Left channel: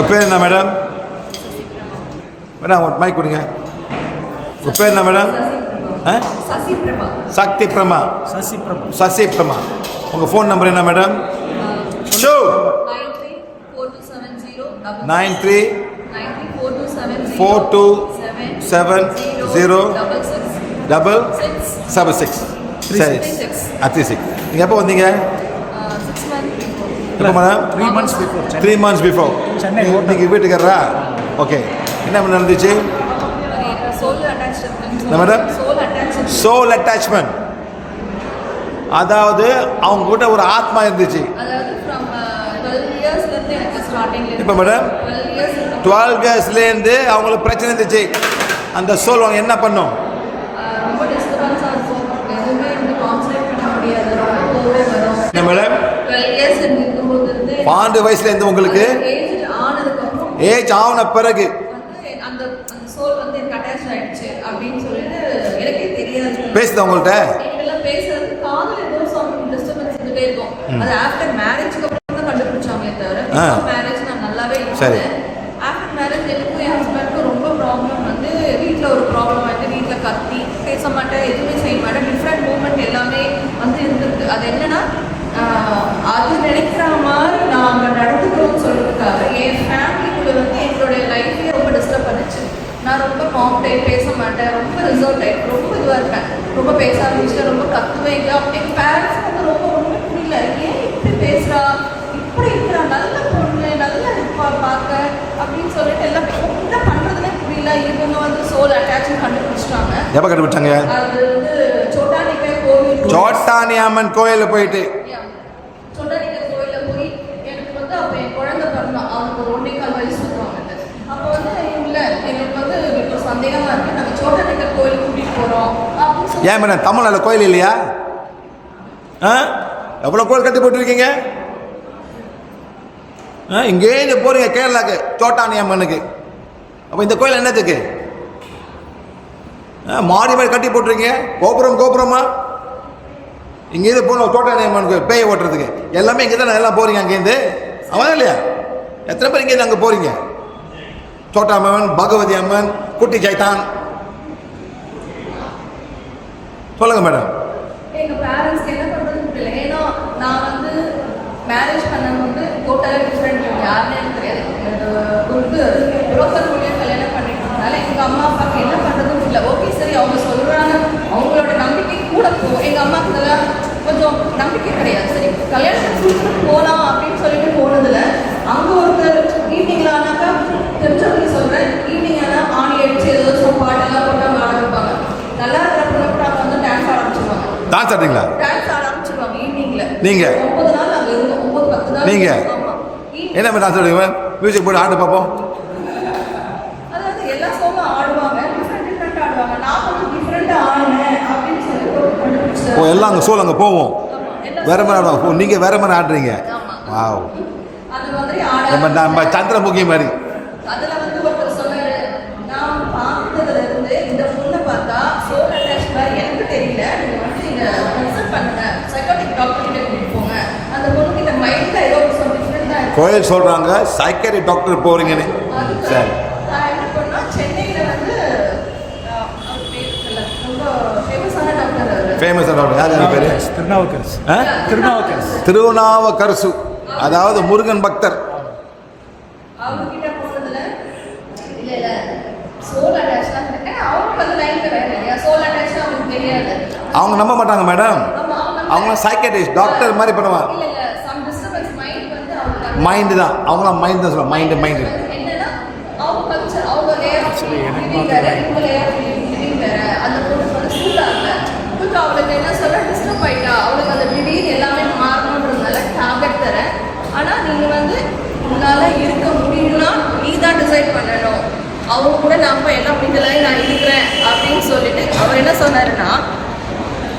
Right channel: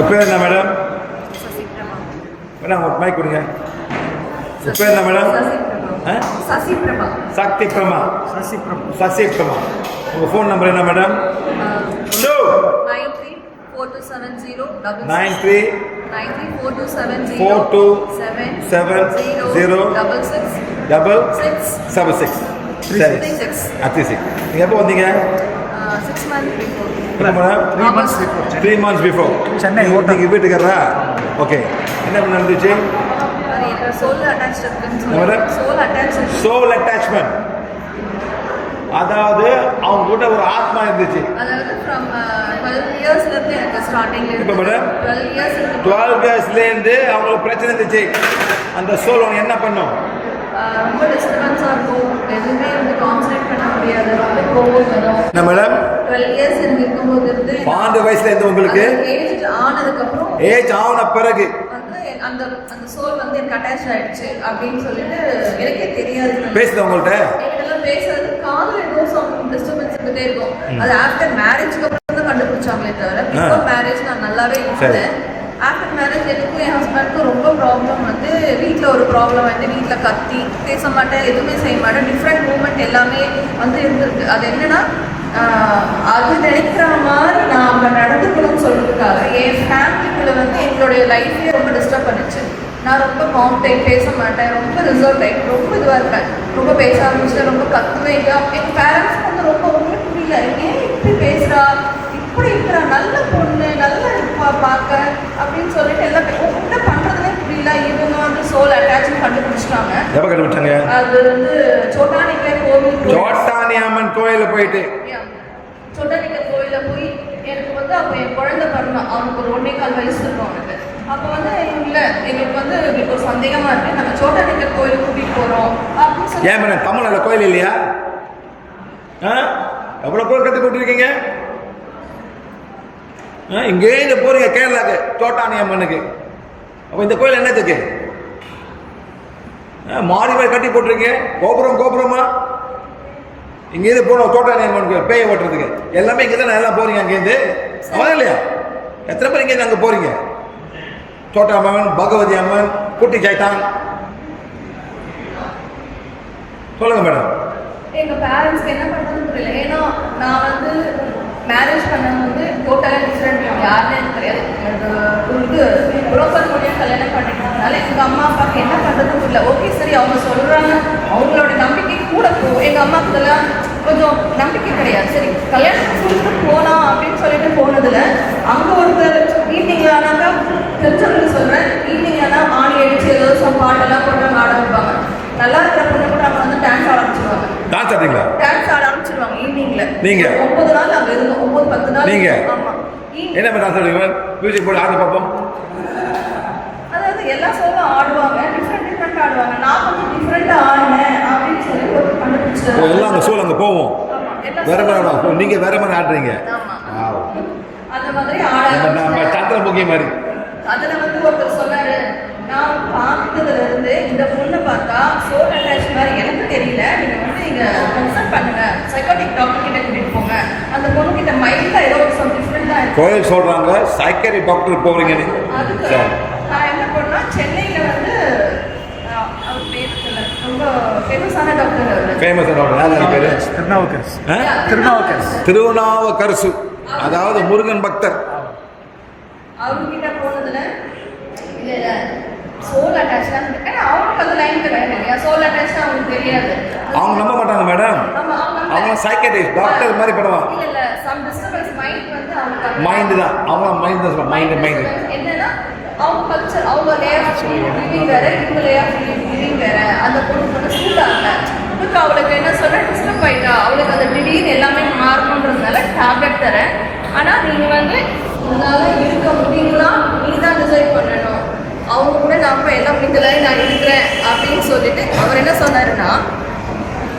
உங்கள் பேர் என்ன மேடம்? மேடம் ஒரு மைக் கொடுங்க. உங்கள் பேர் என்ன மேடம்? சக்தி பிரமா. சசி பிரமா. உங்கள் ஃபோன் நம்பர் என்ன மேடம்? 934270 சரி 36. நீங்கள் எப்போ வந்தீங்க? 6 months before. எப்போ மேடம்? 3 months before. சென்னை நீங்கள் வீட்டுக்காரரா? ஓகே. என்ன நடந்துச்சு? Soul attachment. அதாவது அவங்க கூட ஒரு ஆத்மா இருந்துச்சு. அதாவது from 12 yearsல இருந்து எனக்கு ஸ்டார்டிங்ல இப்போ மேடம் 12 yearsல இருந்து அவங்களுக்கு பிரச்சனை இருந்துச்சு. அந்த சோல் அவங்க என்ன பண்ணும்? ரொம்ப டிஸ்டர்பன்ஸா இருக்கும். எதுவுமே வந்து கான்சென்ட்ரேட் பண்ண முடியாது. ரொம்ப கோவம் வரும். என்ன மேடம்? 12 years இருக்கும்போது இருந்து 12 வயசுல இருந்து உங்களுக்கு ஏஜ் ஆனதுக்கு அப்புறம் ஏஜ் ஆன பிறகு அந்த சோல் வந்து எனக்கு அட்டாச் ஆயிடுச்சு அப்படின்னு சொல்லிட்டு எனக்கே தெரியாது. பேசுது உங்கள்கிட்ட? என்கிட்டலாம் பேசுறது காதுல ஏதோ சம் டிஸ்டர்பன்ஸ் இருந்துட்டே இருக்கும். அது ஆஃப்டர் மேரேஜ்க்கு அப்புறம் தான் கண்டுபிடிச்சாங்களே தவிர பிஃபோர் மேரேஜ் நான் நல்லாவே இருந்தேன். ஆஃப்டர் மேரேஜ் எனக்கும் என் ஹஸ்பண்டுக்கும் ரொம்ப ப்ராப்ளம் வந்து வீட்டில் ஒரு ப்ராப்ளம் வந்து வீட்டில் கத்தி பேச மாட்டேன், எதுவுமே செய்ய மாட்டேன். டிஃப்ரெண்ட் மூமெண்ட் எல்லாமே வந்து இருந்திருக்கு. அது என்னன்னா அது நினைக்கிற மாதிரி நான் அங்கே நடந்துக்கணும்னு சொல்லிட்டுருக்காங்க. என் ஃபேமிலிக்குள்ள வந்து எங்களுடைய லைஃபே ரொம்ப டிஸ்டர்ப் பண்ணிச்சு. நான் ரொம்ப காம்ப்டைன், பேச மாட்டேன், ரொம்ப ரிசர்வ் டைப், ரொம்ப இதுவாக இருப்பேன். ரொம்ப பேச ஆரம்பிச்சுட்டு ரொம்ப கத்துவேன். எங்கள் பேரண்ட்ஸ் வந்து ரொம்ப ஒன்றுமே புரியல, ஏன் இப்படி பேசுகிறா, இப்படி இருக்கிறா, நல்ல பொண்ணு, நல்லா இருப்பா பார்க்க அப்படின்னு சொல்லிட்டு எல்லாம் என்ன பண்ணுறதுனே புரியல. இவங்க வந்து சோல் அட்டாச்மெண்ட் கண்டுபிடிச்சிட்டாங்க. எப்போ கண்டுபிடிச்சாங்க? அது வந்து சோட்டானிக்கல் கோவில், சோட்டானி அம்மன் கோயிலில் போயிட்டு சோட்டானிக்கல் கோயிலில் போய் எனக்கு வந்து அப்போ என் குழந்தை பிறந்தான். அவனுக்கு ஒரு 1.25 வயசு இருக்கும் அவனுக்கு. அப்போ வந்து இல்லை எங்களுக்கு வந்து இப்போ சந்தேகமாக இருக்குது, நாங்கள் சோட்டானிக்கல் கோயிலுக்கு கூட்டிகிட்டு போகிறோம் அப்படின்னு சொல்லி. ஏன் மேடம் தமிழ்நாடு கோயில் இல்லையா? எவ்வளோ கோயில் கட்டி போட்டுருக்கீங்க? இங்கேருந்து போறீங்க கேரளாக்கு சோட்டானி அம்மனுக்கு. அப்போ இந்த கோயில் என்னத்துக்கு? மாறி மாதிரி கட்டி போட்டுருக்கீங்க. கோபுரமா இங்கேருந்து போகணும் சோட்டானி அம்மனுக்கு பேயை ஓட்டுறதுக்கு. எல்லாமே இங்கே தான் எல்லாம் போறீங்க அங்கேருந்து. அவன் இல்லையா? எத்தனை பேர் இங்கேருந்து அங்கே போறீங்க? சோட்டா அம்மன், பகவதி அம்மன், குட்டி சைத்தான். சொல்லுங்க மேடம். எங்க பேரண்ட்ஸ்க்கு என்ன பண்றதுன்னு புரியல. ஏன்னா நான் வந்து மேரேஜ் பண்ணும்போது டோட்டலாக டிஃப்ரெண்ட். யாருன்னு எனக்கு தெரியாது. இது புரோக்கர் மூலியம் கல்யாணம் பண்ணிட்டதுனால எங்கள் அம்மா அப்பாவுக்கு என்ன பண்ணுறதுன்னு புரியல. ஓகே சரி அவங்க சொல்கிறாங்க, அவங்களோட நம்பிக்கை கூட போகும். எங்கள் அம்மாவுக்கு இதெல்லாம் கொஞ்சம் நம்பிக்கை கிடையாது. சரி கல்யாணத்துக்கு கொடுத்துட்டு போகலாம் அப்படின்னு சொல்லிட்டு போனதில் அங்கே ஒருத்தர் ஈவினிங்கில் ஆனாக்கா தெரிஞ்சவங்களுக்கு சொல்கிறேன், ஈவினிங் ஆனால் ஆணி அடிச்சு ஏதோ பாட்டெல்லாம் கொண்டு ஆட வைப்பாங்க. நல்லா இருக்கிற பொண்ணு கூட அவங்க வந்து டான்ஸ் ஆட ஆரம்பிச்சிருவாங்க. டான்ஸ் ஆடுறீங்களா? டான்ஸ் ஆட ஆரம்பிச்சிருவாங்க ஈவினிங்ல. நீங்க 9 நாள் அங்க இருந்தோம். 9-10 நாள். நீங்க ஆமா. என்ன மாதிரி டான்ஸ் ஆடுவீங்க? மியூசிக் போட்டு ஆட பாப்போம். அதாவது எல்லா சோலும் ஆடுவாங்க, டிஃப்ரெண்ட் ஆடுவாங்க. நான் கொஞ்சம் டிஃப்ரெண்டா ஆடுனேன் அப்படின்னு சொல்லி ஒரு கண்டுபிடிச்சேன். ஓ எல்லாம் அங்க சோல் அங்க போவோம். ஆமா. வேற மாதிரி ஆடுவாங்க. நீங்க வேற மாதிரி ஆடுறீங்க. ஆமா. வாவ். அந்த மாதிரி ஆட நம்ம சந்திரமுகி மாதிரி. அதுல வந்து ஒருத்தர் சொன்னாரு, நான் பார்த்ததுல இருந்து இந்த பொண்ணை பார்த்தா சோல் அட்டாச் மாதிரி எனக்கு தெரியல, நீங்க வந்து இங்க கன்சல்ட் பண்ணுங்க, சைக்காட்டிக் டாக்டர் கிட்ட கூட்டிட்டு போங்க, அந்த பொண்ணு கிட்ட மைண்ட்ல ஏதோ ஒரு டிஃப்ரெண்டா இருக்கு. கோயில் சொல்றாங்க சைக்காட்டிக் டாக்டர் போறீங்கன்னு. அதுக்கு நான் என்ன பண்ணா சென்னையில வந்து அவர் பேர் தெரியல, ரொம்ப ஃபேமஸான டாக்டர். அவர் ஃபேமஸான டாக்டர் யார் பேரு? திருநாவுக்கரசு. அதாவது முருகன் பக்தர். அவர்கிட்ட போனதுல இல்ல சோல் அட்டாச் தான் இருக்கு. அவங்களுக்கு அந்த லைன்ல வேற இல்லையா, சோல் அட்டாச் அவங்களுக்கு தெரியாது. அவங்க நம்ப மாட்டாங்க மேடம். அவங்க சைக்காட்ரிஸ்ட் டாக்டர் மாதிரி பண்ணுவாங்க. இல்ல சம் டிஸ்டர்பன்ஸ் மைண்ட் வந்து அவங்க மைண்ட் தான். அவங்க மைண்ட் தான் சொல்ல மைண்ட் என்னன்னா அவங்க கல்ச்சர், அவங்க லே ஆஃப் லிவிங் வேற, இவங்க லே ஆஃப் லிவிங் வேற. அந்த பொண்ணு வந்து சூட் ஆகல. கொஞ்சம் அவளுக்கு என்ன சொல்ல டிஸ்டர்ப் ஆயிடா. அவளுக்கு அந்த திடீர்னு எல்லாமே மாறணுன்றதுனால டேப்லெட் தரேன். ஆனா நீங்க வந்து உங்களால இருக்க முடியும்னா நீ தான் டிசைட் பண்ணணும். அவங்க கூட நம்ம எல்லாம் அப்படின்ட்டு நான் இருக்கிறேன் அப்படின்னு சொல்லிட்டு அவர் என்ன சொன்னாருன்னா,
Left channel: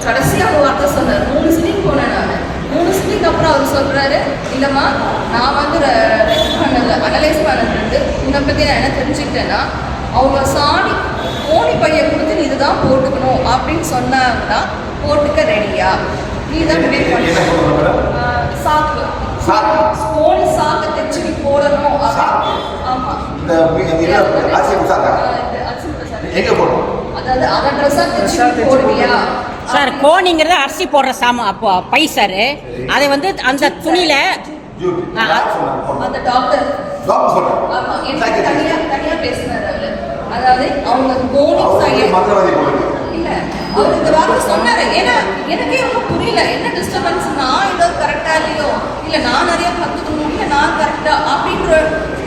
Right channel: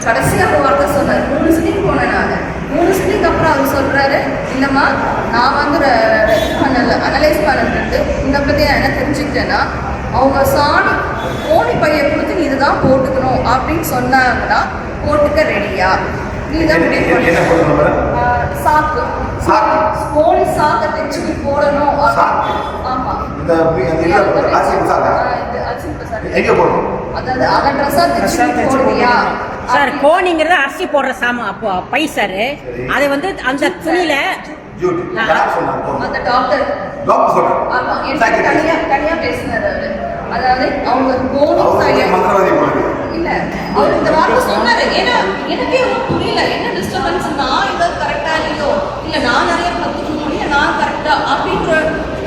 கடைசியாக ஒரு வார்த்தை சொன்னார். 3 சிட்டிங் போனேன் நான். 3 சிட்டிங் அப்புறம் அவர் சொல்கிறாரு, இல்லைம்மா நான் வந்து அனலைஸ் பண்ணுறது உன்னை பற்றி நான் என்ன தெரிஞ்சுக்கிட்டேன்னா, அவங்க சாணி கோணி பையை கொடுத்து நீ இதுதான் போட்டுக்கணும் அப்படின்னு சொன்னாங்கன்னா போட்டுக்க ரெடியா, நீ தான் முடிவு பண்ண. சாக்கு. ஸ்போனி சாக்க தைச்சு போடணும். சாக்கு. ஆமா. இந்த அரிசி சாக்கா இந்த அரிசி சாக்கு எங்க போடணும்? அதாவது அத ட்ரெஸ்ஸா தைச்சு போடுவியா சார்? கோணிங்கிறது அரிசி போடுற சாமான் அப்போ பை சார். அதை வந்து அந்த துணியில டியூட்டி யார் சொன்னாங்க? அந்த டாக்டர் சொல்றாங்க. ஆமா, எனக்கு தனியா பேசினாரு அவரு. அதாவது அவங்க கோணி சாய மந்திரவாதி போடுங்க இல்ல, அவர் இந்த வார்த்தை சொன்னாரு. ஏன்னா எனக்கே ஒன்றும் புரியல, என்ன டிஸ்டர்பன்ஸ், நான் ஏதாவது கரெக்டா இல்லையோ, இல்ல நான் நிறைய கத்துக்கணும், இல்ல நான் கரெக்டா அப்படின்ற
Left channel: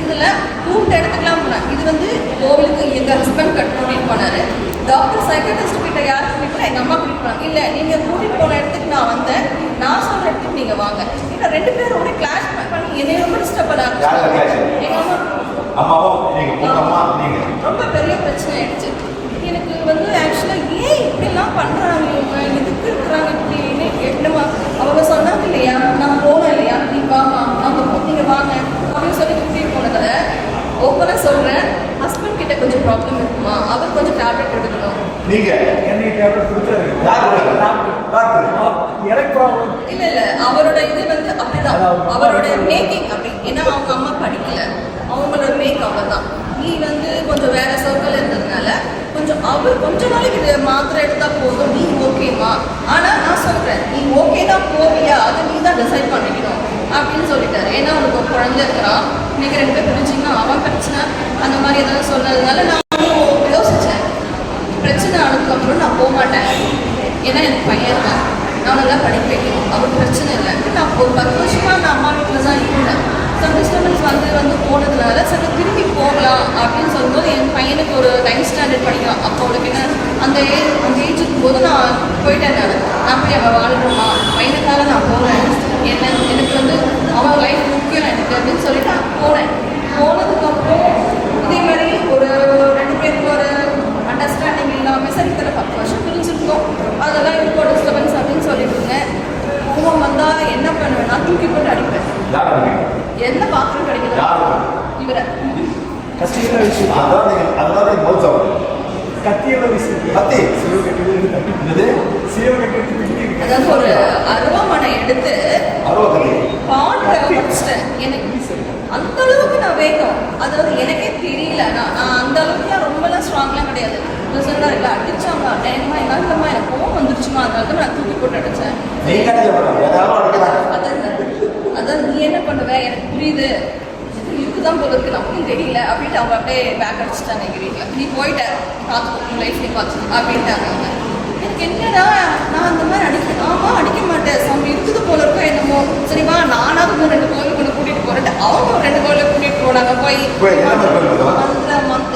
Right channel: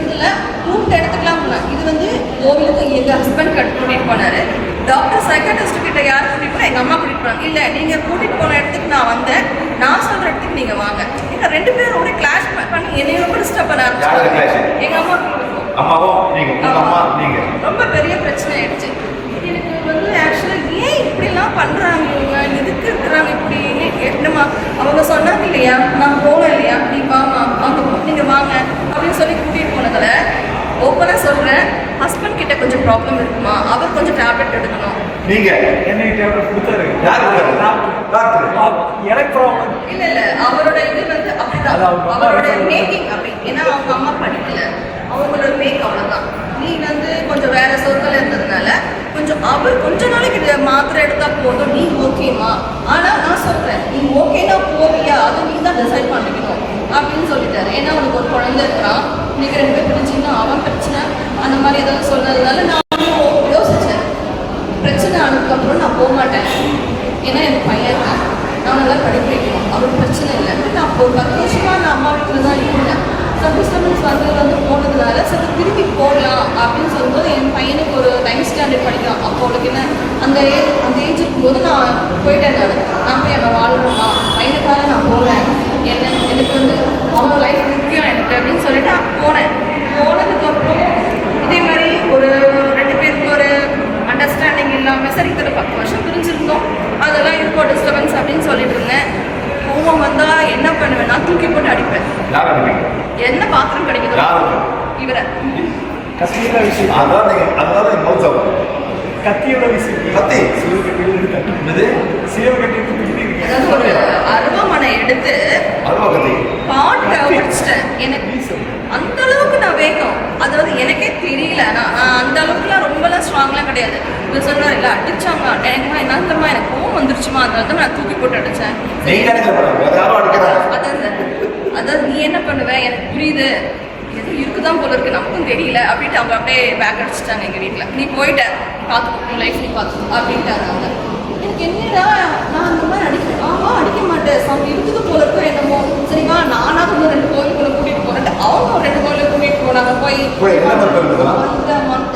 இதுல கூப்பிட்டு எடுத்துக்கலாம் போனேன். இது வந்து கோவிலுக்கு எங்க ஹஸ்பண்ட் கூட்டிட்டு போனாரு. டாக்டர் சைக்காட்ரிஸ்ட் கிட்ட யார் கூட்டிட்டு போனா? எங்க அம்மா கூட்டிட்டு போனாங்க. இல்ல, நீங்க கூட்டிட்டு போன இடத்துக்கு நான் வந்தேன், நான் சொல்ற இடத்துக்கு நீங்க வாங்க. எங்க 2 பேரும் ஒரே கிளாஷ் பண்ணி என்னைய ரொம்ப டிஸ்டர்ப் பண்ண ஆரம்பிச்சாங்க. எங்க அம்மா அம்மாவும் நீங்க ரொம்ப பெரிய பிரச்சனை ஆயிடுச்சு. எனக்கு வந்து ஆக்சுவலா ஏன் இப்படிலாம் பண்றாங்க, இவங்க எதுக்கு இருக்கிறாங்க இப்படின்னு. என்னமா அவங்க சொன்னாங்க இல்லையா, நான் போவேன் இல்லையா, நீ வாமா, அவங்க நீங்க வாங்க அப்படின்னு சொல்லி கூட்டிட்டு போனதுல ஓப்பனா சொல்றேன், ஹஸ்பண்ட் கிட்ட கொஞ்சம் ப்ராப்ளம் இருக்குமா, அவர் கொஞ்சம் டேப்லெட் எடுக்கணும். நீங்க என்ன டேப்லெட் கொடுத்தாரு? டாக்டர் எனக்கு ப்ராப்ளம் இல்ல அவரோட இது வந்து அப்படிதான், அவரோட மேக்கிங் அப்படி. ஏன்னா அவங்க அம்மா படிக்கல, அவங்களோட மேக் அவ்வளவுதான். நீ வந்து கொஞ்சம் வேற சொற்கள் இருந்ததுனால கொஞ்சம் அவர் கொஞ்ச நாளைக்கு மாத்திரை எடுத்தா போதும், நீ ஓகேமா. ஆனா நான் சொல்றேன், நீ ஓகேனா போவியா, அதை நீ தான் டிசைட் பண்ணிக்கணும் அப்படின்னு சொல்லிட்டாரு. ஏன்னா உனக்கு ஒரு குழந்தை இருக்கிறான், நீங்க 2 பேர் பிரிச்சிங்கன்னா அவன் பிரச்சனை அந்த மாதிரி ஏதாவது சொன்னதுனால நான் யோசிச்சேன். பிரச்சனை ஆனதுக்கப்புறம் நான் போக மாட்டேன், ஏன்னா எனக்கு பையன் இருக்கான், நான் நல்லா படிக்க வைக்கணும், அவருக்கு பிரச்சனை இல்லை. நான் ஒரு 10 வருஷமா நான் அம்மா வீட்டில் தான் இருந்தேன். டிஸ்டர்பன்ஸ் வந்து போனதுனால சரி திரும்பி போகலாம் அப்படின்னு சொல்லும்போது, என் பையனுக்கு ஒரு 9th ஸ்டாண்டர்ட் படிக்கலாம். அப்போ உனக்கு என்ன அந்த ஏஜ் இருக்கும்போது நான் போயிட்டேன். நான் போய் அவன் வாழ்கிறோமா, பையனுக்காக நான் போகிறேன், எனக்கு வந்து அவன் லைஃப் முக்கியம் எனக்கு அப்படின்னு சொல்லிட்டு நான் போனேன். போனதுக்கப்புறம் இதே மாதிரி ஒரு 2 பேருக்கு ஒரு அண்டர்ஸ்டாண்டிங் இல்லாமல் சரி இத்தனை 10 வருஷம் பிரிஞ்சிருந்தோம், அதெல்லாம் இருக்கும் டிஸ்டர்பன்ஸ் அப்படின்னு சொல்லிட்டு இருந்தேன். கோவம் வந்தா என்ன பண்ணுவேன், நான் தூக்கி போட்டு அடிப்பேன். என்ன பாத்திரம் கிடைக்குதோ இவரை கத்தியோட விஷயம் அதனால நீங்க மோல் சாப்பிடுங்க. கத்தியோட விஷயம் கத்தி சிவ கட்டி தட்டி என்னது சிவ கட்டி இருக்கு. அதாவது ஒரு அருவாமனை எடுத்து அருவா கத்தி பாட்டை படிச்சிட்டேன். எனக்கு அந்த அளவுக்கு நான் வேகம், அதாவது எனக்கே தெரியல. நான் அந்த அளவுக்குலாம் ரொம்பலாம் ஸ்ட்ராங்லாம் கிடையாது. இப்போ சொன்னார் இல்லை அடிச்சாங்க, எனக்கு என்னமா எனக்கு கோவம் வந்துருச்சுமா, அதனால தான் நான் தூக்கி போட்டு அடித்தேன். அதாவது நீ என்ன பண்ணுவ, எனக்கு புரியுது, எதுவும் இருக்குதான் போல இருக்கு, நமக்கும் தெரியல அப்படின்ட்டு அவங்க அப்படியே பேக் அடிச்சுட்டாங்க எங்கள் வீட்டில். நீ போயிட்ட பார்த்துக்கோ, லைஃப் நீ பார்த்துக்கோ அப்படின்ட்டாங்க அவங்க. எனக்கு என்னடா நான் அந்த மாதிரி அடிக்க மாட்டேன், அவங்க இருக்குது போல இருக்கோ என்னமோ, சரிவா நானாவது இன்னும் 2 கோயிலுக்கு ஒன்று கூட்டிகிட்டு போகிறேன். அவங்க ஒரு 2 கோயிலுக்கு கூட்டிகிட்டு போனாங்க. போய்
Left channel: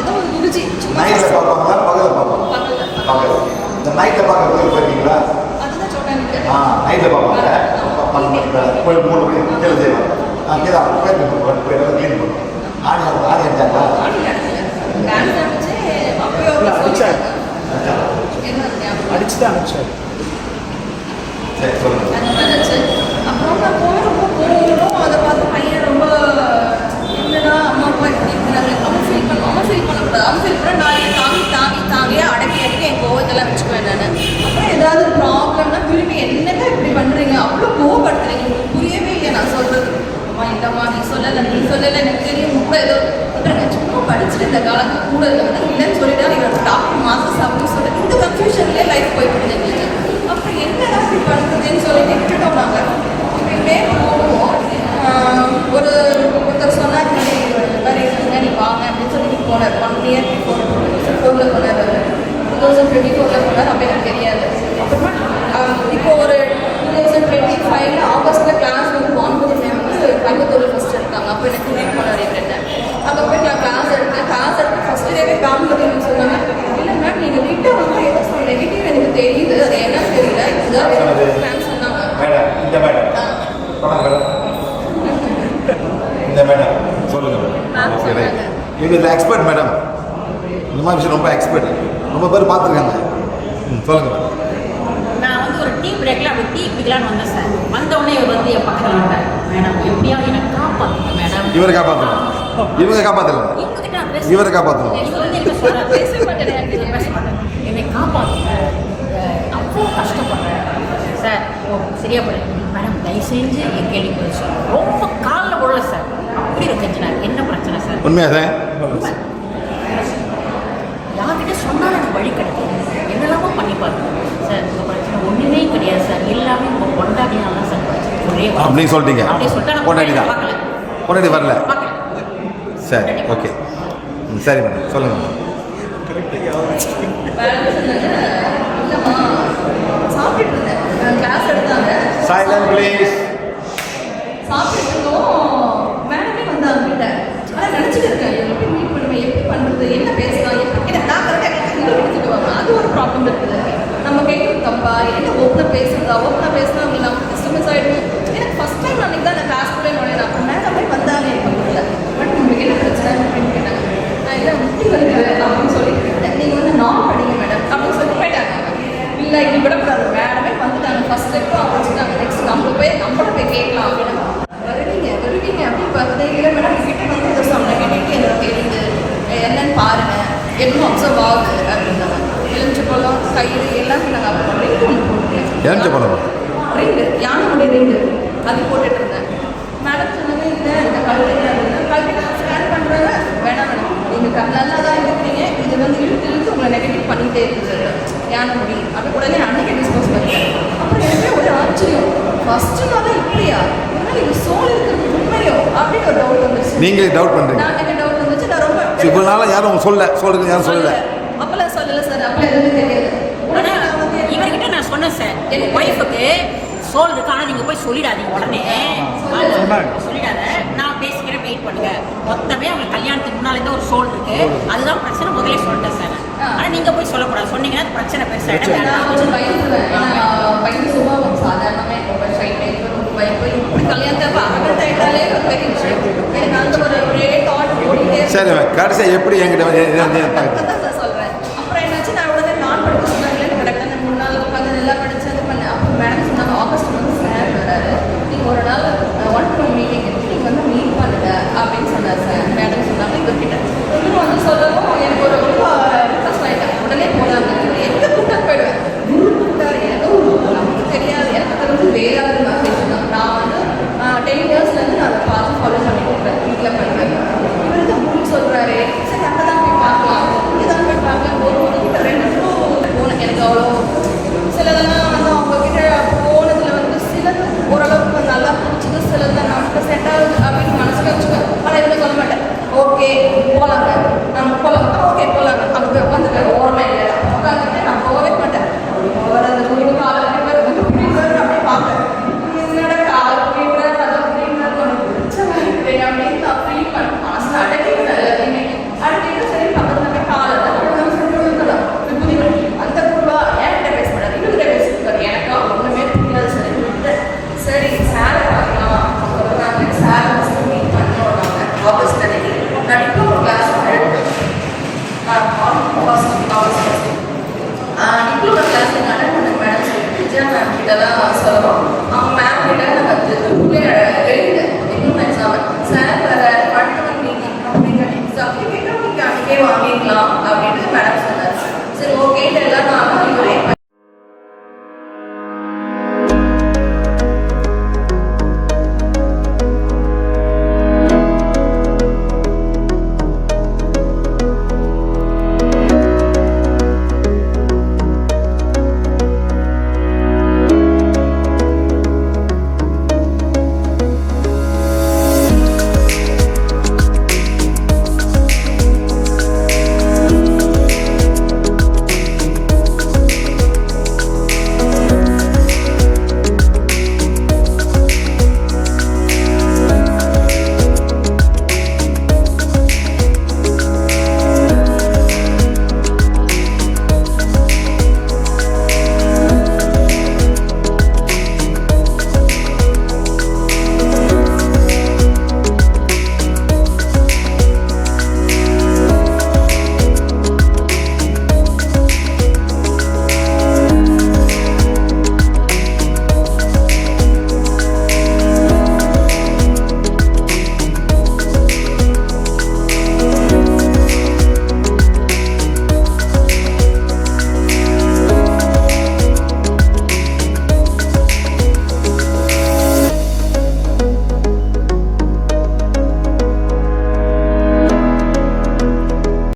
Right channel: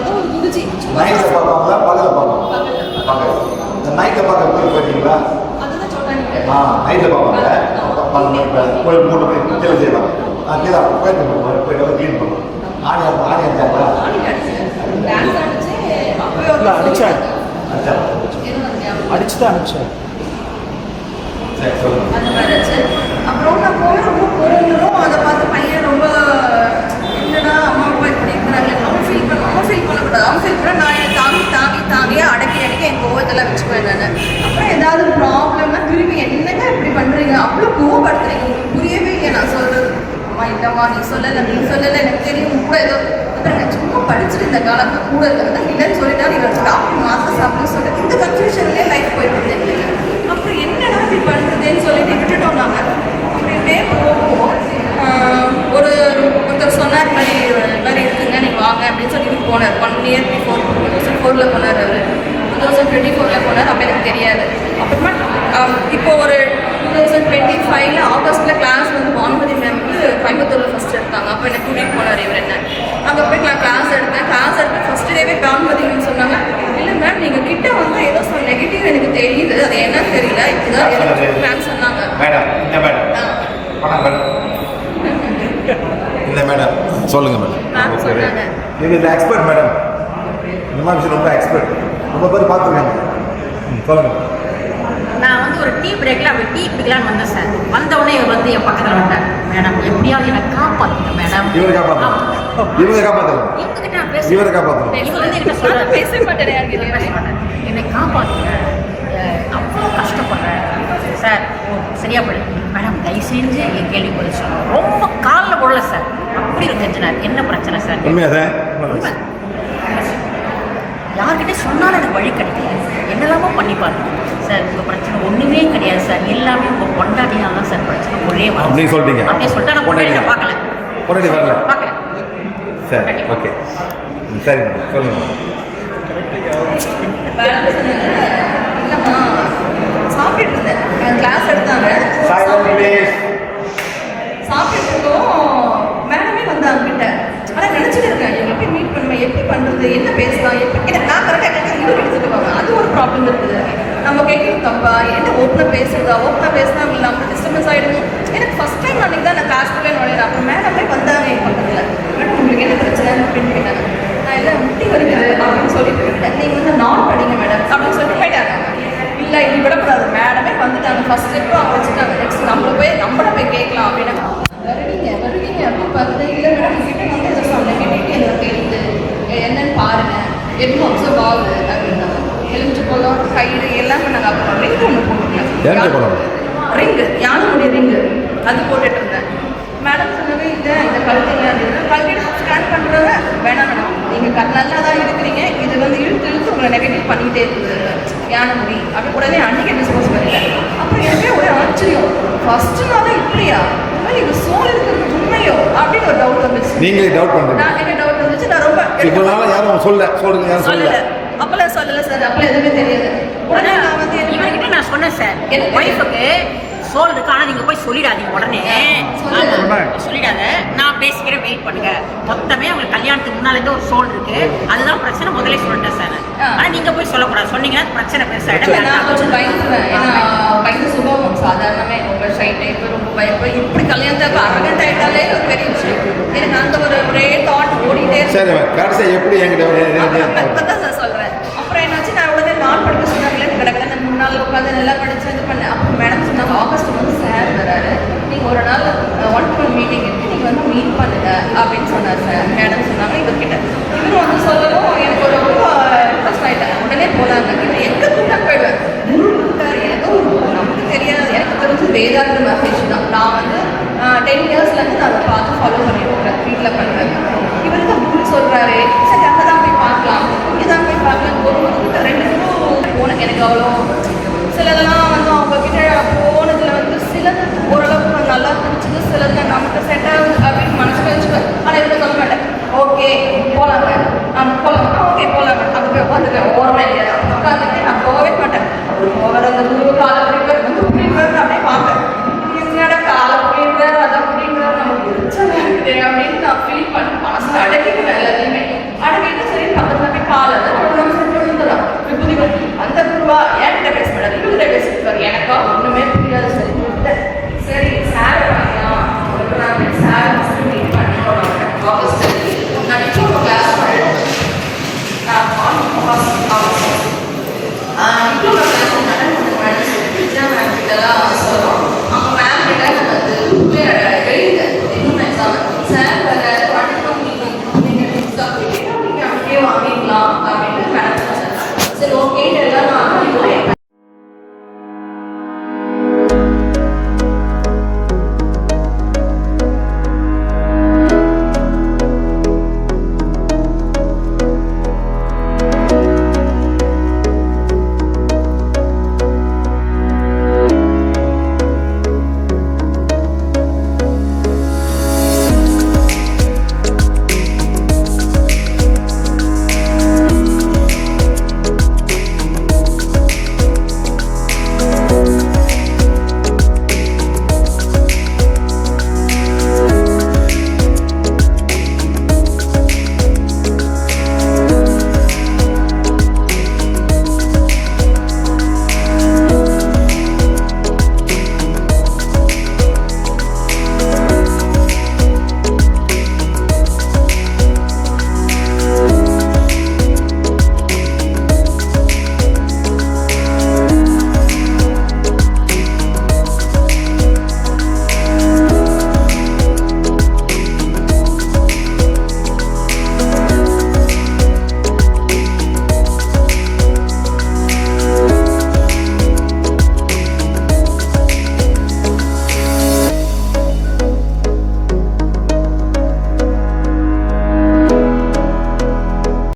ஏதோ ஒரு குருஜி சும்மா அதுதான் சொன்னாங்க. டான்ஸ் ஆடிச்சு அப்பயோ அடிச்சுதான் அனுப்பிச்சார். அந்த மாதிரி ஆச்சு. அப்புறம் நான் போய் ரொம்ப போகணும், அதை பார்த்து பையன் ரொம்ப என்னடா அம்மா அப்பா இப்படி இருக்கிறாங்க, அவன் ஃபீல் பண்ணக்கூடாது. அவன் ஃபீல் பண்ண நான் என் தாங்கியே அடக்கி என் கோவத்தெல்லாம் வச்சுக்குவேன் நான். அப்புறம் ஏதாவது ப்ராப்ளம்னா திரும்பி என்னங்க இப்படி பண்ணுறீங்க, அவ்வளோ கோவப்படுத்துறீங்க, உங்களுக்கு புரியவே இல்லையா நான் சொல்கிறது. அம்மா இல்லைம்மா நீ சொல்லலை எனக்கு தெரியும் கூட ஏதோ சும்மா படிச்சுட்டு இந்த காலத்துல கூட இல்லை இல்லைன்னு சொல்லிட்டாரு. இவர் டாக்டர் மாஸ்டர்ஸ் அப்படின்னு சொல்லிட்டு இந்த கன்ஃபியூஷன்லேயே லைஃப் போய்விடுது எங்களுக்கு. அப்புறம் என்னடா இப்படி பண்ணுறதுன்னு சொல்லிட்டு விட்டுட்டோம் நாங்கள். இப்படியே போவோம். ஒருத்தர் சொன்னார் மாதிரி இருக்குங்க நீங்கள் வாங்க அப்படின்னு சொல்லி போனார். 1 year before 2004 போனார். அவர் 2024 போனார். அப்போ எனக்கு தெரியாது. அப்புறமா இப்போ ஒரு 2025 ஆகஸ்ட்டில் கிளாஸ் வந்து வான்பதி மேம் வந்து கோயம்புத்தூரில் ஃபஸ்ட் எடுத்தாங்க. அப்போ எனக்கு கூட்டிகிட்டு போனார் இவர் என்ன. அங்கே போய் நான் கிளாஸ் எடுத்து ஃபஸ்ட் டேவே காம்பதின்னு சொன்னாங்க. இல்லை மேம் நீங்கள் கிட்ட வந்து ஏதோ நெகட்டிவ் எனக்கு தெரியுது, அது என்னன்னு தெரியல, இப்படிதான் மேம் சொன்னாங்க. இந்த மேடம் சொல்லுங்க மேடம். Okay right. இவங்க எக்ஸ்பர்ட் மேடம், இந்த மாதிரி விஷயம் ரொம்ப எக்ஸ்பர்ட், ரொம்ப பேர் பார்த்துருக்காங்க. சொல்லுங்க மேடம். நான் வந்து ஒரு டீ பிரேக்கில் அப்படி டீ குடிக்கலான்னு வந்தேன் சார். வந்தவுடனே இவர் வந்து என் பக்கத்தில் வந்தேன். மேடம் எப்படியாவது என்னை காப்பாற்றுங்க மேடம். இவரை காப்பாற்றணும், இவங்க காப்பாற்றல, இவரை காப்பாற்றணும். இவர் வந்து என்ன சொல்கிறார், என்னை காப்பாற்றுங்க, அவ்வளோ கஷ்டப்படுறேன் சார். சார் ஓ சரியா போயிடு மேடம் தயவு செஞ்சு என் கேள்வி போயிடுச்சு ரொம்ப காலில் போடல சார் அப்படி ஒரு டென்ஷனாக என்ன பிரச்சனை சார் உண்மையா சார்? உண்மை. யார்கிட்ட சொன்னாலும் எனக்கு வழி கிடைக்கும் என்னெல்லாமோ பண்ணி பாருங்க சார் உங்கள் பிரச்சனை ஒன்றுமே கிடையாது சார் எல்லாமே உங்கள் கொண்டாடினால தான் சார் பிரச்சனை ஒரே வரும் அப்படின்னு சொல்லிட்டீங்க. அப்படியே சொல்லிட்டு நான் கொண்டாடி தான். பார்க்கல கொண்டாடி வரல. பார்க்கல சரி, ஓகே. சரி மேடம், சொல்லுங்கள். மேடம் சொன்னாங்க இல்லைம்மா சாப்பிட்டுட்டு இருந்தேன் கிளாஸ் எடுத்தாங்க சைலண்ட் ப்ளீஸ். சாப்பிட்டுட்டு இருந்தோம் மேடமே வந்தாங்க கிட்ட ஆனால் நினச்சிட்டு இருக்கேன் இவங்க எப்படி மீட் பண்ணுவேன் எப்படி பண்ணுறது என்ன பேசலாம் எப்படி எனக்கு நான் கரெக்டாக இவங்க எடுத்துட்டு வாங்க அது ஒரு ப்ராப்ளம் இருக்குது நம்ம கேட்குறது தப்பா என்ன ஓப்பனாக பேசுனா அவங்க நம்ம டிஸ்டர்பன்ஸ் ஆகிடும் எனக்கு ஃபஸ்ட் டைம் அன்றைக்கி தான் நான் கிளாஸ்க்குள்ளே நுழையிறேன் அப்போ மேடமே வந்தாங்க என் பக்கத்தில் மேடம் உங்களுக்கு என்ன பிரச்சனை அப்படின்னு கேட்டாங்க நான் இல்லை முட்டி வருகிறது அப்படின்னு சொல்லிட்டு இருக்கேன் நீங்கள் வந்து நான் படிங்க மேடம் அப்படின்னு சொல்லிட்டு போயிட்டாங்க இல்லை இப்படி விடக்கூடாது மேடமே வந்துட்டாங்க ஃபஸ்ட் ஸ்டெப்பு அவங்க வச்சுட்டாங்க நெக்ஸ்ட் நம்மள போய் கேட்கலாம் அப்படின்னா வருவீங்க அப்படின்னு பார்த்துட்டு இல்லை மேடம் கிட்ட வந்து ஏதோ சம் நெகட்டிவிட்டி எனக்கு தெரியுது என்னன்னு பாருங்க என்னமோ அப்சர்வ் ஆகுது அப்படின்னாங்க எலுமிச்சை பழம் கயிறு எல்லாம் பண்ணாங்க அப்புறம் ரிங் ஒன்று எலுமிச்சை பழம்? போட்டுருக்கேன் ரிங்கு யானையுடைய ரிங்கு அது போட்டுட்டு இருந்தேன் மேடம் சொன்னவே இல்லை இதை கழுத்துங்க அப்படின்னா கழுத்து ஸ்கேன் பண்ணுறவங்க வேணாம் மேடம் நீங்கள் நல்லா தான் இருக்கிறீங்க இது வந்து இழுத்து உங்களை நெகட்டிவ் பண்ணிகிட்டே இருக்குது யானை முடி அப்படி உடனே அன்றைக்கி டிஸ்போஸ் பண்ணிட்டேன் அப்புறம் எனக்கே ஒரு ஆச்சரியம் ஃபஸ்ட்டு நாளே இப்படியா இது சோல் இருக்கிறது உண்மையோ அப்படின்னு ஒரு டவுட் வந்துச்சு. நீங்களே டவுட் பண்ணுறீங்க? நான் எனக்கு டவுட் வந்துச்சு. நான் ரொம்ப இவ்வளோ நாளாக யாரும் சொல்லுங்க யாரும் சொல்லல. அப்பெல்லாம் சொல்லலை சார் அப்பெல்லாம் எதுவுமே தெரியாது. உடனே நான் வந்து இவர்கிட்ட நான் சொன்னேன் சார் என் ஒய்ஃபுக்கு சோல் இருக்கு ஆனால் நீங்கள் போய் சொல்லிடாதீங்க உடனே சொல்லிடாத நான் பேசிக்கிறேன் வெயிட் பண்ணுங்க மொத்தமே அவங்க கல்யாணத்துக்கு முன்னாலேருந்து ஒரு சோல் இருக்கு அதுதான் பிரச்சனை முதலே சொல்லிட்டேன் சார் ஆனால் நீங்கள் போய் சொல்லக்கூடாது சொன்னீங்கன்னா பிரச்சனை பெருசாக நான் கொஞ்சம் பயந்துருவேன் ஏன்னா பயந்து சுபாவம் சாதாரணமே ரொம்ப ஷை டைப்பு ரொம்ப பயப்பு இப்படி கல்யாணத்தை அரகண்ட் ஆகிட்டாலே ஒரு பெரிய விஷயம் எனக்கு அந்த ஒரே தாட் ஓடிட்டே சரி கடைசியாக எப்படி என்கிட்ட தான் சார் சொல்கிறேன் அப்புறம் என்னாச்சு நான் உடனே நான் படிக்க சொன்னாங்களே கிடக்கல நான் 3 நாள் உட்காந்து நல்லா படிச்சு இது பண்ணேன் அப்புறம் மேடம் சொன்னாங்க ஆகஸ்ட் வந்து சார் வராரு நீங்கள் ஒரு நாள் 1-to-1 மீட்டிங் எடுத்து நீங்கள் வந்து மீட் பண்ணுங்க அப்படின்னு சொன்னார் சார் மேடம் சொன்னாங்க இவர்கிட்ட இவரும் வந்து சொல்லவும் எனக்கு ஒரு ரொம்ப இன்ட்ரெஸ்ட் ஆகிட்டேன் உடனே போனாங்க இவர் எங்கே கூட்டம் போயிடுவேன் ஏதோ நமக்கு தெரியாது எனக்கு தெரிஞ்சு வேதாந்த மெசேஜ் தான் நான் வந்து 10 இயர்ஸ்லேருந்து நான் அதை பார்த்து ஃபாலோ பண்ணிட்டு இருக்கேன் வீட்டில் பண்ணுவேன் இவருக்கு அப்படின்னு சொல்கிறாரு சரி அங்கே தான் போய் பார்க்கலாம் இங்கே தான் போய் பார்க்கலாம் ஒரு 2 போனேன் எனக்கு அவ்வளோ சிலதெல்லாம் வந்து அவங்கக்கிட்ட போனதில் வந்து சிலது ஓரளவுக்கு கொஞ்சம் நல்லா பிடிச்சது சிலது நமக்கு செட் ஆகுது அப்படின்னு மனசில் வச்சுக்கேன் ஆனால் இதில் சொல்ல மாட்டேன் ஓகே போகலாங்க போகலாம் ஓகே போகலாங்க அங்கே போய் உட்காந்துருக்கேன் ஓரமாக உட்காந்துட்டு நான் போகவே மாட்டேன் போகிற அந்த முழு காலை புரியுறாரு அப்படியே பார்ப்பேன் என்னோட காலை புரியுறாரு அதை புரியுறாரு நமக்கு பிடிச்சது அப்படின்னு நான் ஃபீல் பண்ணி மனசில் அடக்கிட்டு எல்லாத்தையுமே அடக்கிட்டு சரி பக்கத்தில் போய் காலை அந்த குருவா என்கிட்ட பேச மாட்டார் இவங்கிட்ட பேசிருக்காரு எனக்கா ஒன்றுமே புரியாது சரி சரி சாரை பார்க்கலாம் நான் சாரை மீட் பண்ணுறோம் ஆகஸ்ட் நான் இப்போ கிளாஸ் இப்போ கிளாஸ் மேடம் இதெல்லாம் சொல்லுவோம் அவங்க மேம் கிட்ட வந்து எழுதுங்க இன்னும் எக்ஸாம் சார் வர படிக்கணும் மீட்டிங் அப்படின்னு அன்றைக்கே வாங்கிக்கலாம் அப்படின்னு மேடம் சொன்னார் சரி ஓகே